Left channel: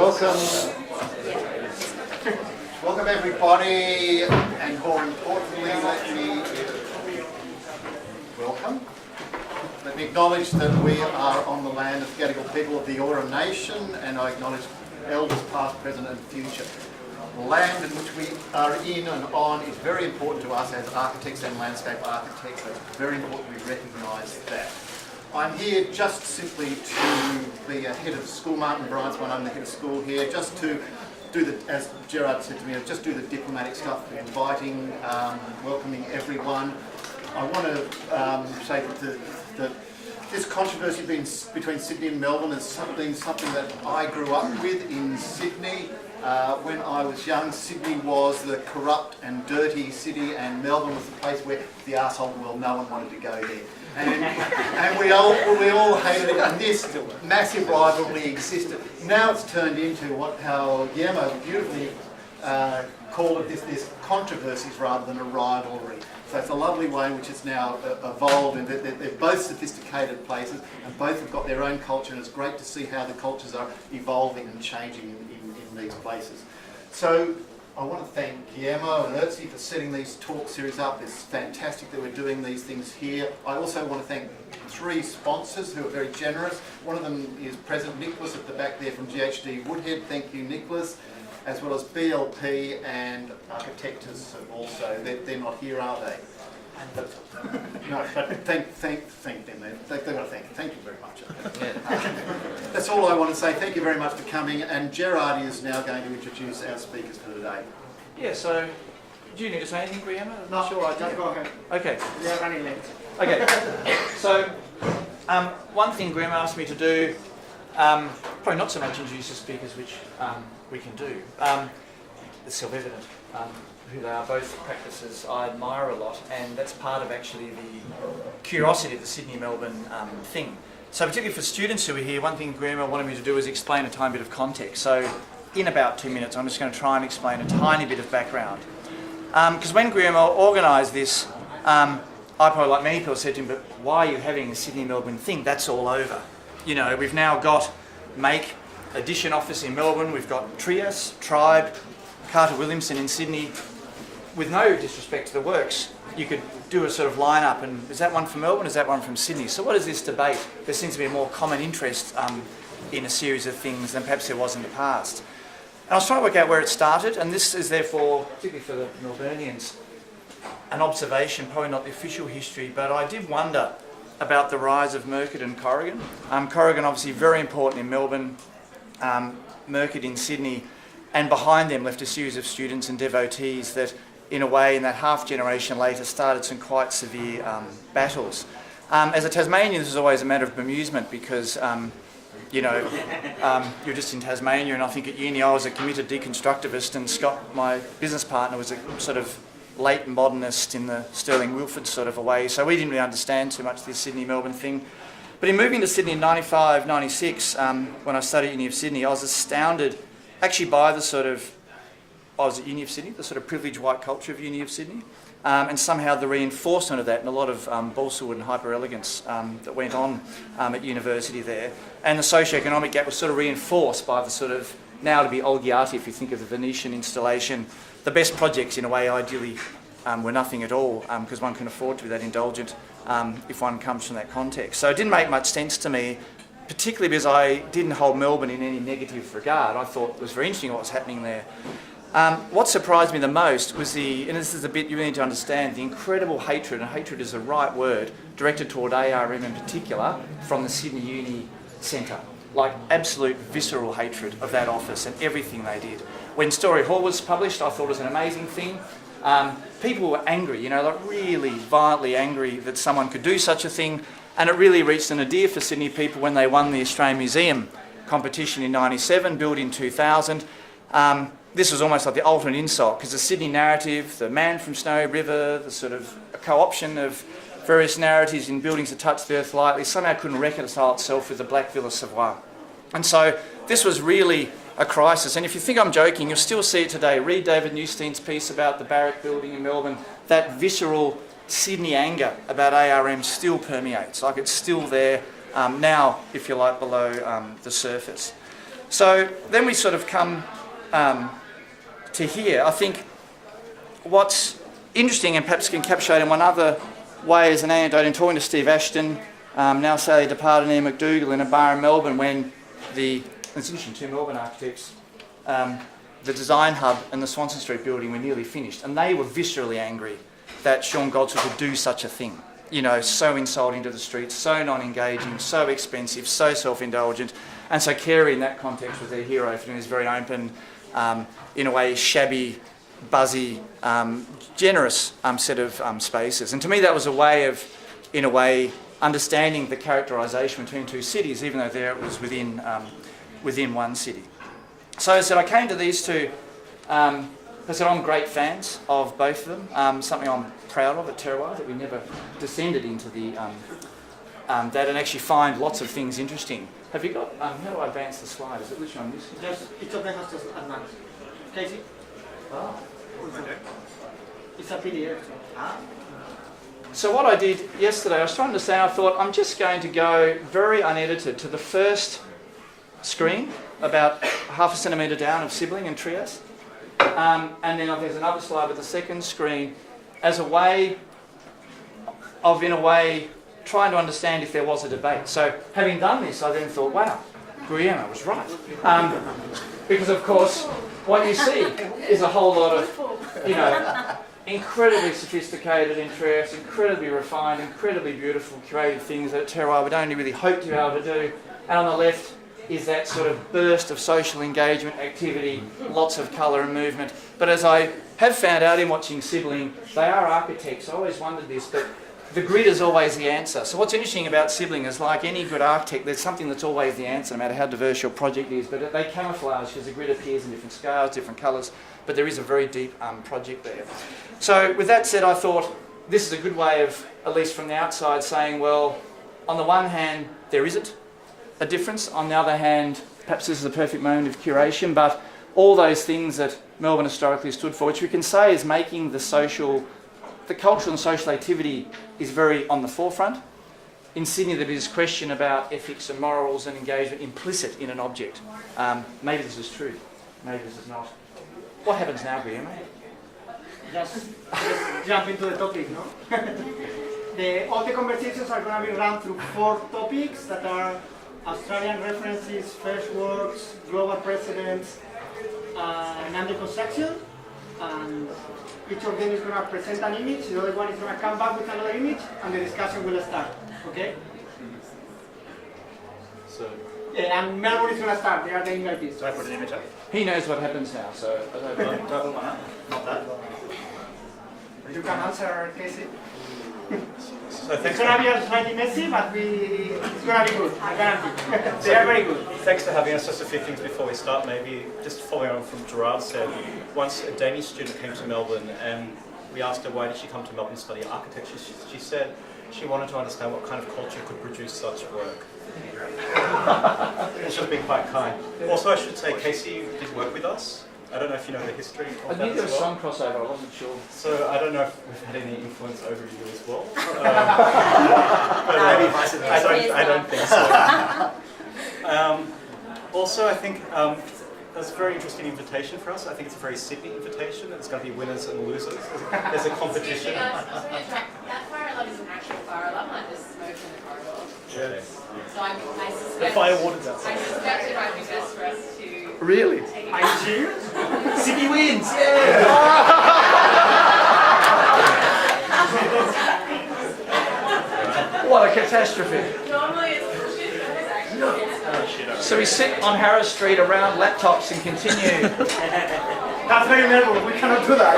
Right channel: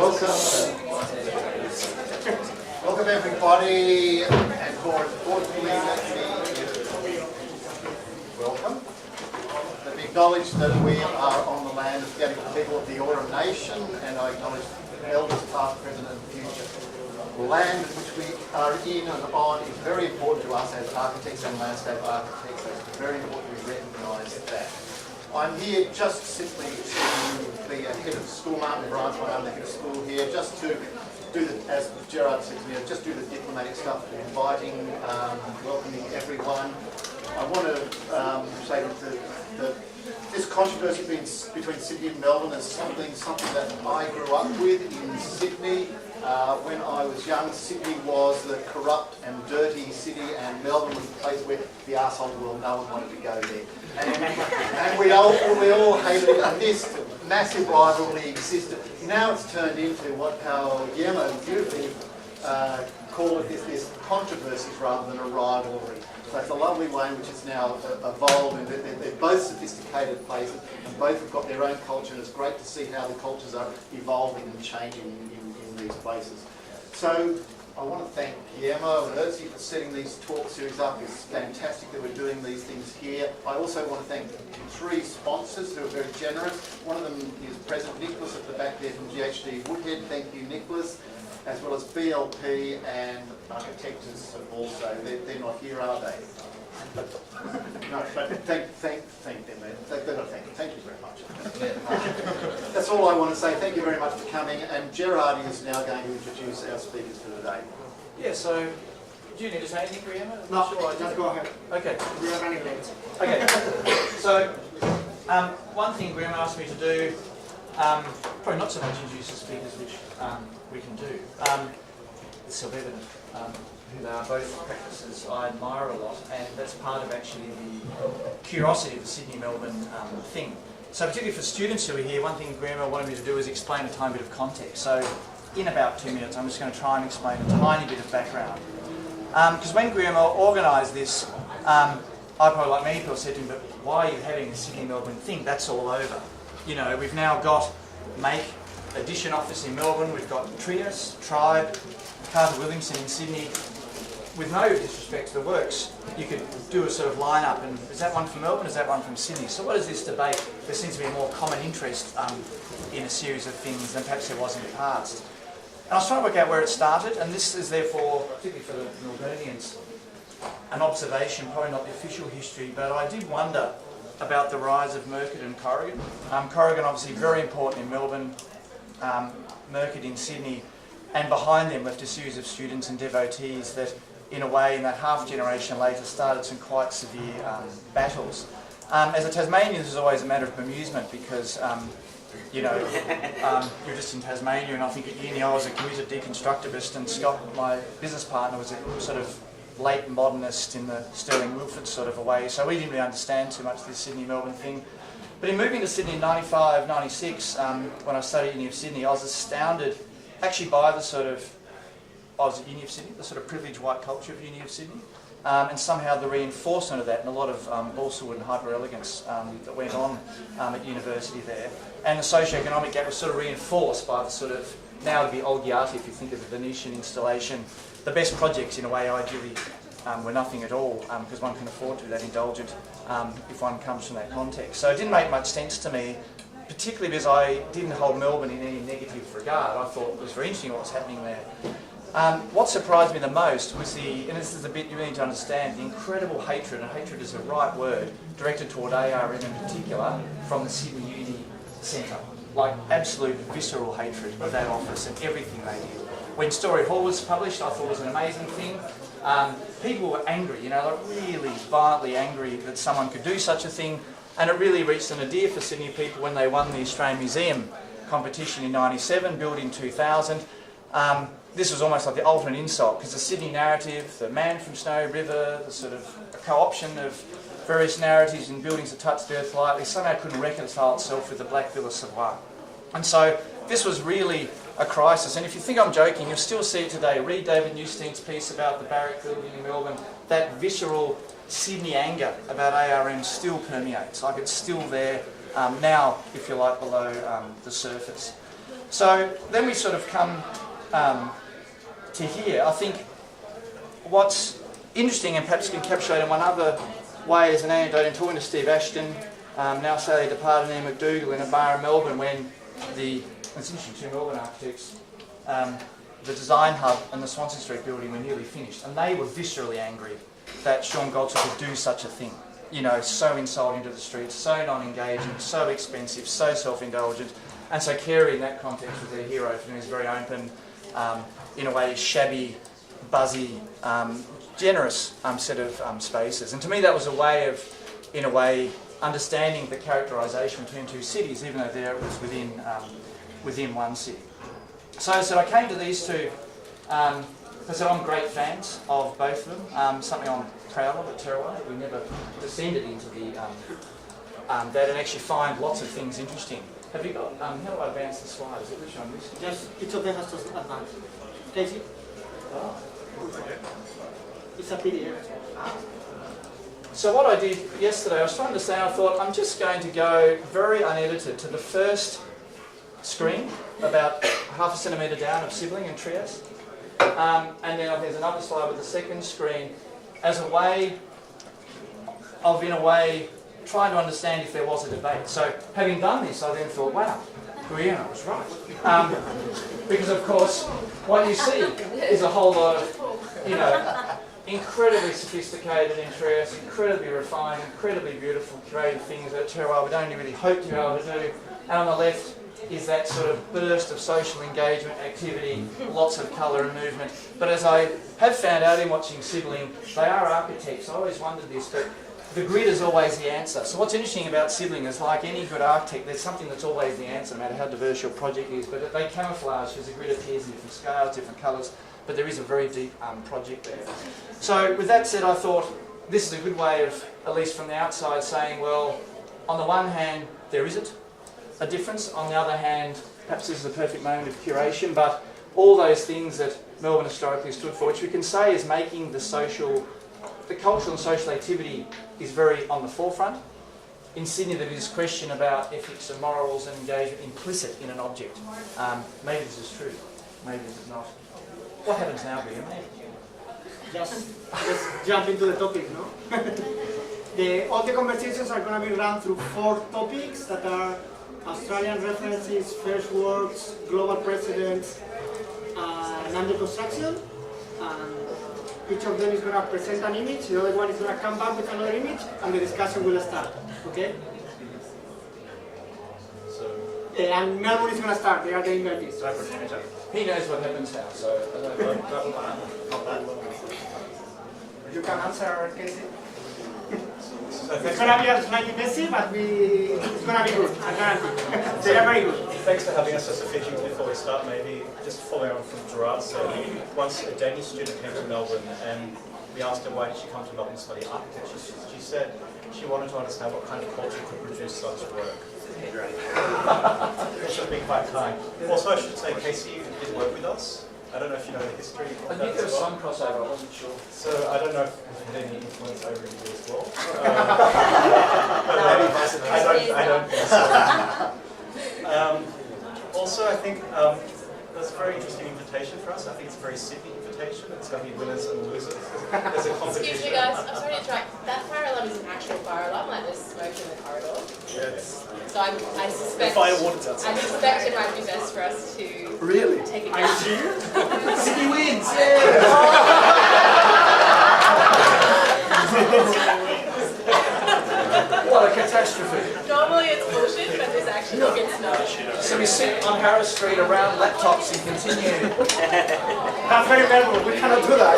Welcome everybody, and more importantly, let me acknowledge that we are on the land of the Gadigal people of the Eora Nation, and I acknowledge elders past, present and future. The land in which we are in and on is very important to us as architects and landscape architects. It's very important we recognise that. I'm here just simply to be a head of school, Martin Bryant's my name, the head of school here, just to do the, as Gerard said to me, just do the diplomatic stuff, inviting, welcoming everyone. I want to say that this controversy between Sydney and Melbourne is something that I grew up with in Sydney. When I was young, Sydney was the corrupt and dirty city, and Melbourne was the place where the arsehole world, no one wanted to go there. And we all hated it, and this massive rivalry existed. Now it's turned into how Guillermo beautifully called it, this controversies rather than a rivalry. So it's a lovely way in which it's now evolved, and they're both sophisticated places, and both have got their own culture, and it's great to see how the cultures are evolving and changing in these places. So I want to thank Guillermo and Erzi for setting these talk series up. It's fantastic that we're doing these things here. I also want to thank three sponsors who are very generous. One of them is President Nicholas at the back there from GHD Woodhead. Thank you, Nicholas. As well as BLP and Architectures also. They're not here, are they? But thank them then. They've got to thank you. Thank you very much. That's all I want to say. Thank you very much for coming. And Gerard is now going to introduce our speakers for today. Yeah, so do you need to say anything, Guillermo? No, sure, just go ahead. Okay. We are running late. Okay. So one thing Graham asked me to do, probably not so much introduce the speakers, which we can do. It's self-evident who they are, both practices I admire a lot, and that's part of actually the curiosity of the Sydney-Melbourne thing. So particularly for students who are here, one thing Graham wanted me to do is explain a tiny bit of context. So in about 2 minutes, I'm just going to try and explain a tiny bit of background. Because when Graham organised this, I probably, like many people, said to him, but why are you having the Sydney-Melbourne thing? That's all over. You know, we've now got Make Edition office in Melbourne, we've got Trias, Tribe, Carter Williamson in Sydney. With no disrespect to the works, you could do a sort of line-up, and is that one from Melbourne, is that one from Sydney? So what is this debate? There seems to be a more common interest in a series of things than perhaps there was in the past. And I was trying to work out where it started, and this is therefore, particularly for the Melburnians, an observation, probably not the official history, but I did wonder about the rise of Murcutt and Corrigan. Corrigan obviously very important in Melbourne, Murcutt in Sydney, and behind them left a series of students and devotees that, in a way, in that half generation later, started some quite severe battles. As a Tasmanian, this is always a matter of bemusement because, you know, you're just in Tasmania, and I think at uni I was a committed deconstructivist, and Scott, my business partner, was a sort of late modernist in the Sterling Wilford sort of a way, so we didn't really understand too much this Sydney-Melbourne thing. But in moving to Sydney in 95, 96, when I studied at Uni of Sydney, I was astounded actually by the sort of, I was at Uni of Sydney, the sort of privileged white culture of Uni of Sydney, and somehow the reinforcement of that and a lot of balsawood and hyper-elegance that went on at university there. And the socio-economic gap was sort of reinforced by the sort of, now to be Olgiati, if you think of the Venetian installation. The best projects, in a way, ideally, were nothing at all, because one can afford to be that indulgent if one comes from that context. So it didn't make much sense to me, particularly because I didn't hold Melbourne in any negative regard. I thought it was very interesting what was happening there. What surprised me the most was and this is the bit you really need to understand, the incredible hatred, and hatred is the right word, directed toward ARM in particular, from the Sydney Uni Centre. Like absolute visceral hatred of that office and everything they did. When Story Hall was published, I thought it was an amazing thing. People were angry, you know, like really violently angry that someone could do such a thing, and it really reached a nadir for Sydney people when they won the Australian Museum competition in 97, built in 2000. This was almost like the ultimate insult, because the Sydney narrative, the man from Snowy River, the sort of co-option of various narratives in buildings that touch the earth lightly, somehow couldn't reconcile itself with the Black Villa Savoy. And so this was really a crisis. And if you think I'm joking, you'll still see it today. Read David Newstein's piece about the Barrack building in Melbourne. That visceral Sydney anger about ARM still permeates. Like it's still there now, if you like, below the surface. So then we sort of come to here. I think what's interesting and perhaps encapsulated in one other way as an anecdote in talking to Steve Ashton, now sadly departed Ian McDougall in a bar in Melbourne when it's interesting, two Melbourne architects, the design hub and the Swanston Street building were nearly finished, and they were viscerally angry that Sean Goldsworth would do such a thing. You know, so insulting to the streets, so non-engaging, so expensive, so self-indulgent. And so Carey in that context was their hero for this very open, in a way shabby, buzzy, generous set of spaces. And to me that was a way of, in a way, understanding the characterisation between two cities, even though there it was within one city. So as I said, I came to these two, as I said, I'm great fans of both of them, something I'm proud of at Terroir, that we never descended into the that and actually find lots of things interesting. Have you got, how do I advance the slide? Is it which one? Just each of them has to advance. Casey? Oh. It's a PDF. So what I did yesterday, I was trying to understand, I thought I'm just going to go very unedited to the first screen, about half a centimetre down of Sibling and Trieste. And then there's another slide with the second screen as a way of, in a way, trying to understand if there was a debate. So having done this, I then thought, wow, Guillermo was right. Because of course, what you see is a whole lot of, you know, incredibly sophisticated in Trieste, incredibly refined, incredibly beautiful, creative things that Terroir would only really hope to be able to do. And on the left is that sort of burst of social engagement, activity, lots of colour and movement. But as I have found out in watching Sibling, they are architects. I always wondered this, but the grid is always the answer. So what's interesting about Sibling is, like any good architect, there's something that's always the answer, no matter how diverse your project is. But they camouflage because the grid appears in different scales, different colours. But there is a very deep project there. So with that said, I thought this is a good way of, at least from the outside, saying, well, on the one hand, there isn't a difference. On the other hand, perhaps this is a perfect moment of curation, but all those things that Melbourne historically stood for, which we can say is making the cultural and social activity is very on the forefront. In Sydney, there is this question about ethics and morals and engagement implicit in an object. Maybe this is true, maybe this is not. What happens now, Guillermo? Just jump into the topic, no? All the conversations are going to be run through 4 topics that are Australian references, first works, global precedents, and under construction. And each of them is going to present an image, the other one is going to come back with another image, and the discussion will start. Okay? So, yeah, and Melbourne is going to start. They are the invitees. He knows what happens now, so... You can answer, Casey. It's going to be a slightly messy, but it's going to be good. I guarantee. They are very good. thanks for having us. Just a few things before we start, maybe just following on from Gerard said. Once a Danish student came to Melbourne and we asked her why did she come to Melbourne to study architecture, she said she wanted to understand what kind of culture could produce such work. She was being quite kind. Also, I should say, Casey did work with us. I don't know if you know the history I of think there that was as well. some crossover, I wasn't sure. So I don't know if we've had any influence over you as well. I don't think so. Also, I think that's a very interesting invitation for us. I think it's a very Sydney invitation. It's going to be winners and losers. There's a competition. Excuse me guys, I'm sorry to interrupt. That fire alarm is an actual fire alarm, like there's smoke in the corridor. Yes. So I suspect... The fire warden's outside. I suspect it might be best for us to... Really? Take it Are you serious? Sydney wins! What a catastrophe. Normally it's bullshit, but this actually it's not. So we sit on Harris Street around laptops and continue. That's very Melbourne. We cannot do that.